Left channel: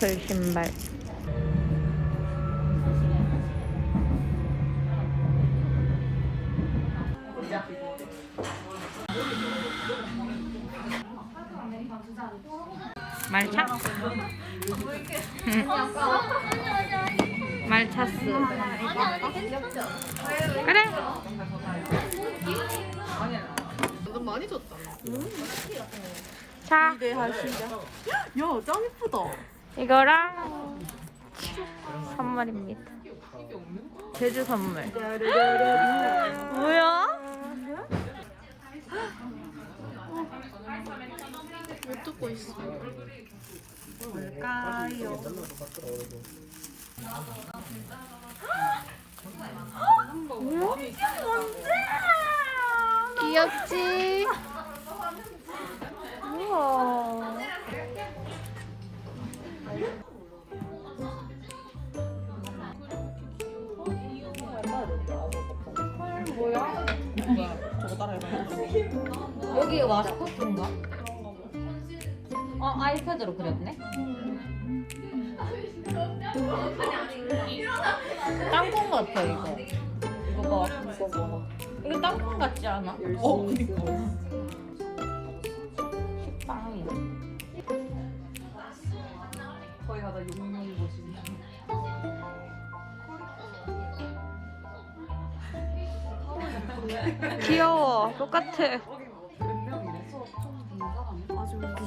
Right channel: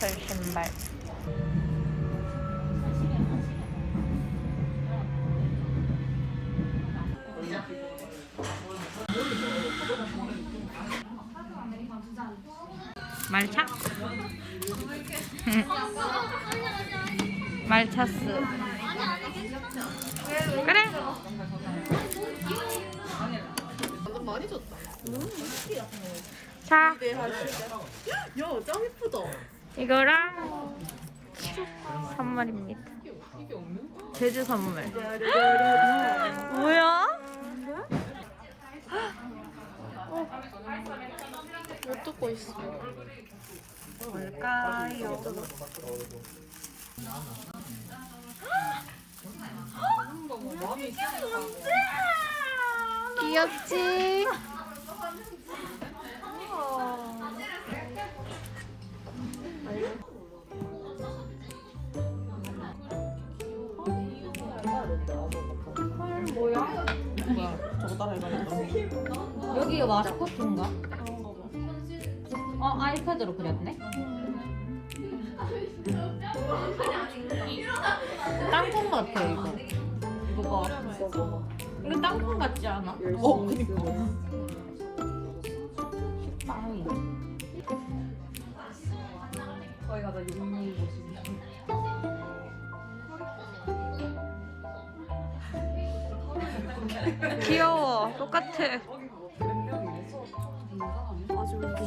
트리플 신발. 말차? 말차스. 그래. 자, 야, 짱 예쁘다. 이거랑 선물입니다. 제주 선물. 뭐야? 못 듣고 있어. 뭘까요? 귀엽지? 뭐야? 저거 따라해봐야겠다. 여기가 마스코트인가? 아이패드로 그렸네? 땅콩 같아, 이거. 이거 봐. 이거 땅콩 같지 않아? 그니까. 식빵이. 거기 가다 용용 보시기. 귀여워. 똑같아. 아주 웃기.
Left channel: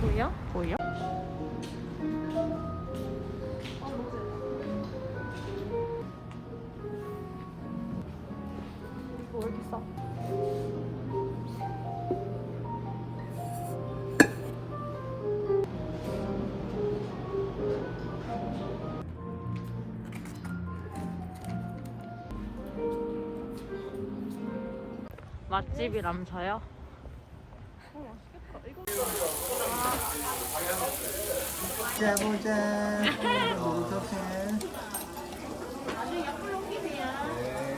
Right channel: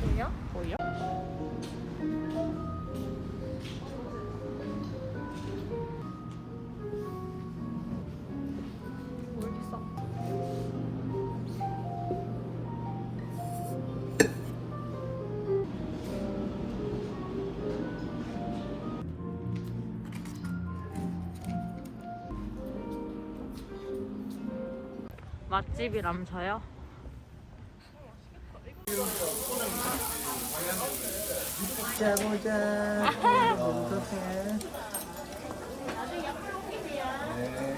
보여? 보여? 왜 이렇게 싸? 맛집이라면서요? 자 보자. 노릇노릇해.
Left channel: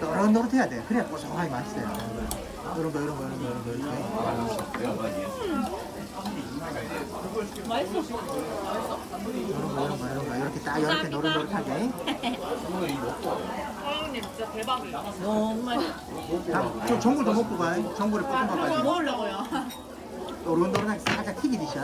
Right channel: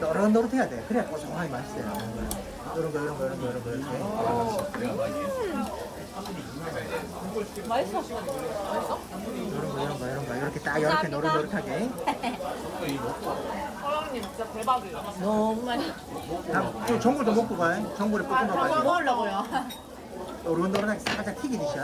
노릇노릇해야 돼. 그래야 고소하게 맛있어요. 이런 거 이런 거 이런 거 이런 거 이렇게. 이런 거 이런 거 이런 거 이렇게 딱 이렇게 노릇노릇하게. 사장님 진짜 대박이다. 너무 맛있어. 다음 저 전골 좀 먹고 가. 전골에 볶음밥까지. 먹으려고요. 노릇노릇하게 살짝 튀기듯이.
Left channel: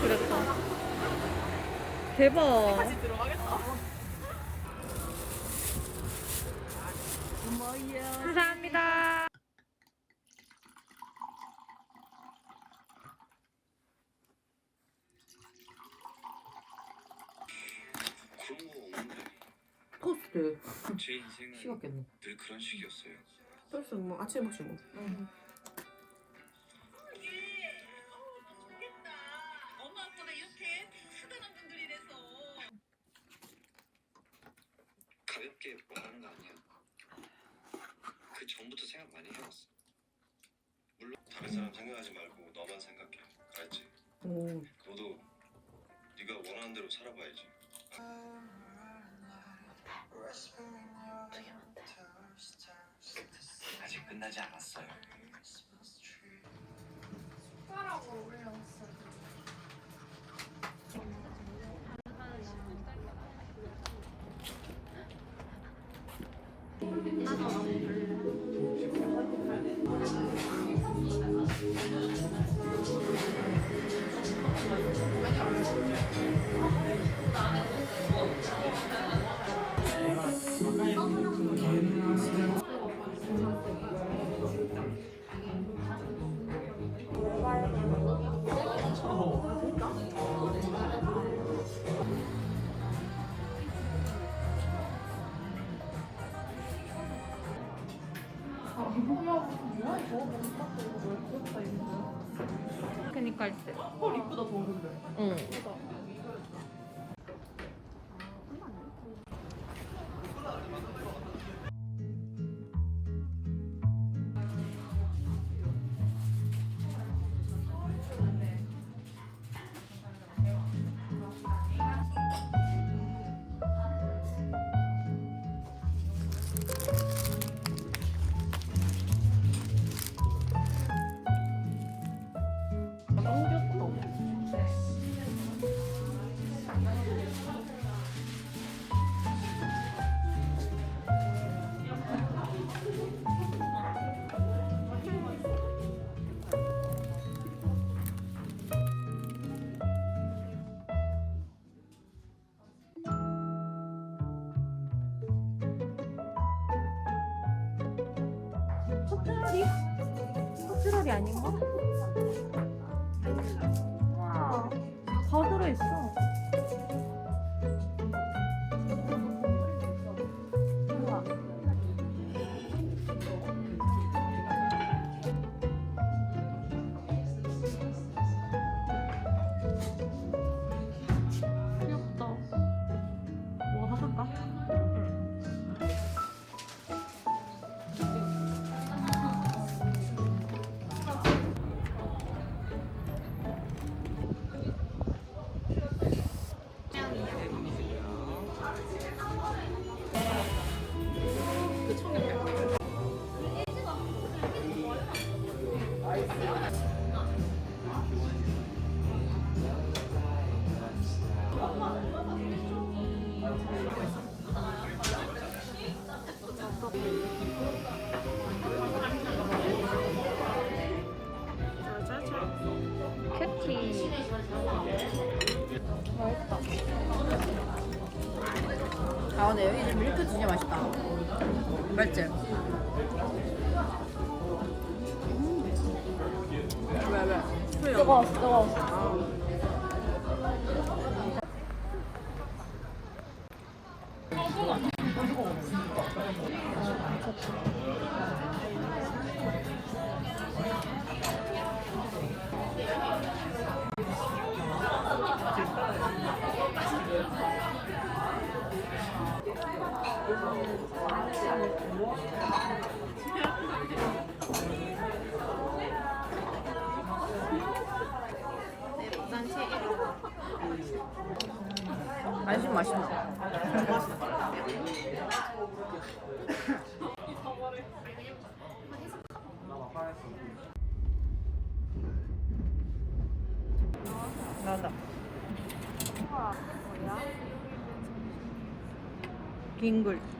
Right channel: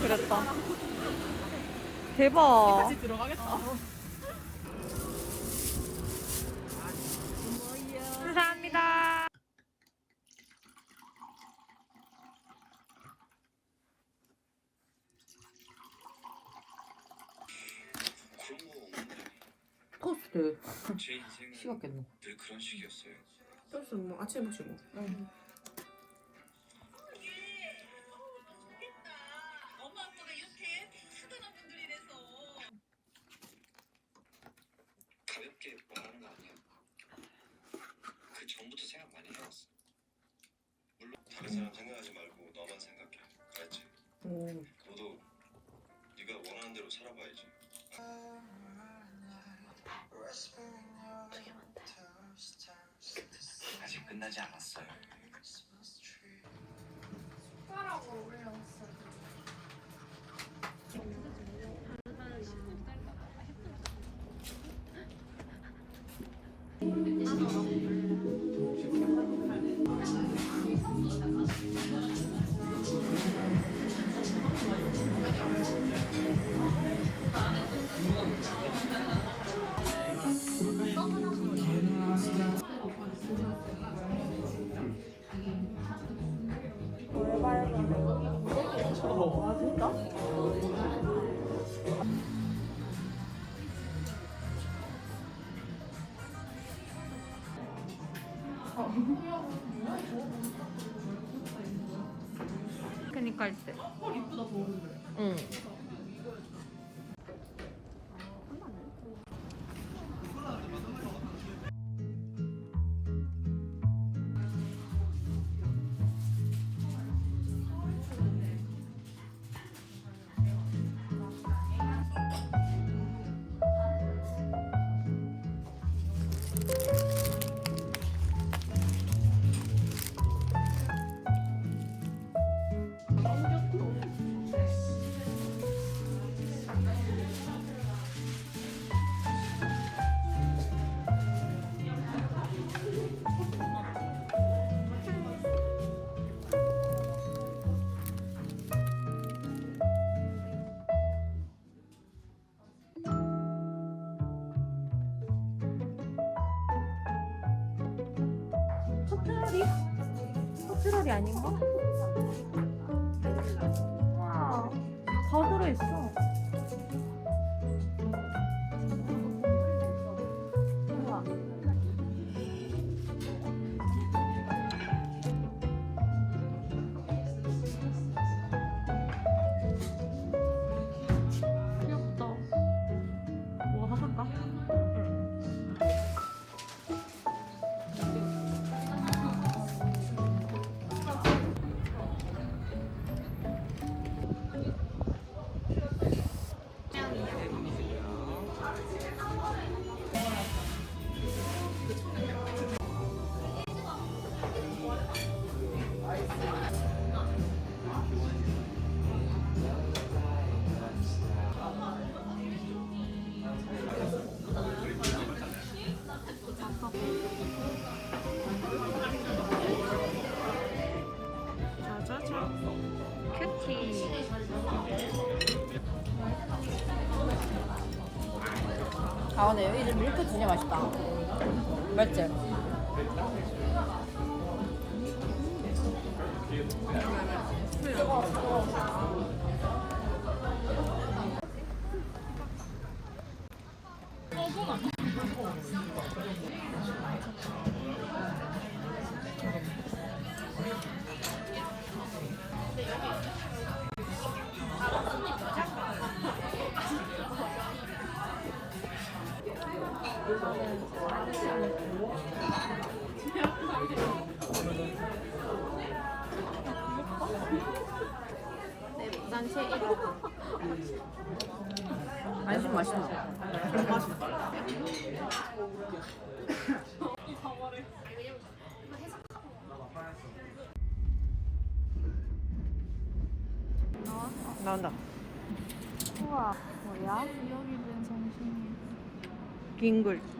그랬다. 대박. 감사합니다. 토스트. 제 인생은 식었겠네. 늘 그런 식이었어요. 벌써 뭐 아침에 먹지 뭐. 가볍게 말하는 거 아니야. 그 전부터 생각 많이 해왔어. 물론 다른 사람 생각하지 말고 너만 생각해. 알지? 오. 너도 네가 원하는 대로 살아봐야지. 아직 끝나지 않았어요. 그니까 할 때. 응. 커트러리? 커트러리 아닌가? 와, 다 들어있어. 우와. 귀엽다. 뭐 하나 살까? 응. 큐티. 아 근데 여기 밀크 진짜 맛있다. 맞지? 뜨거웠어, 뜨거웠어. 안심 맛있나? 우와, 뭐야? 빙글.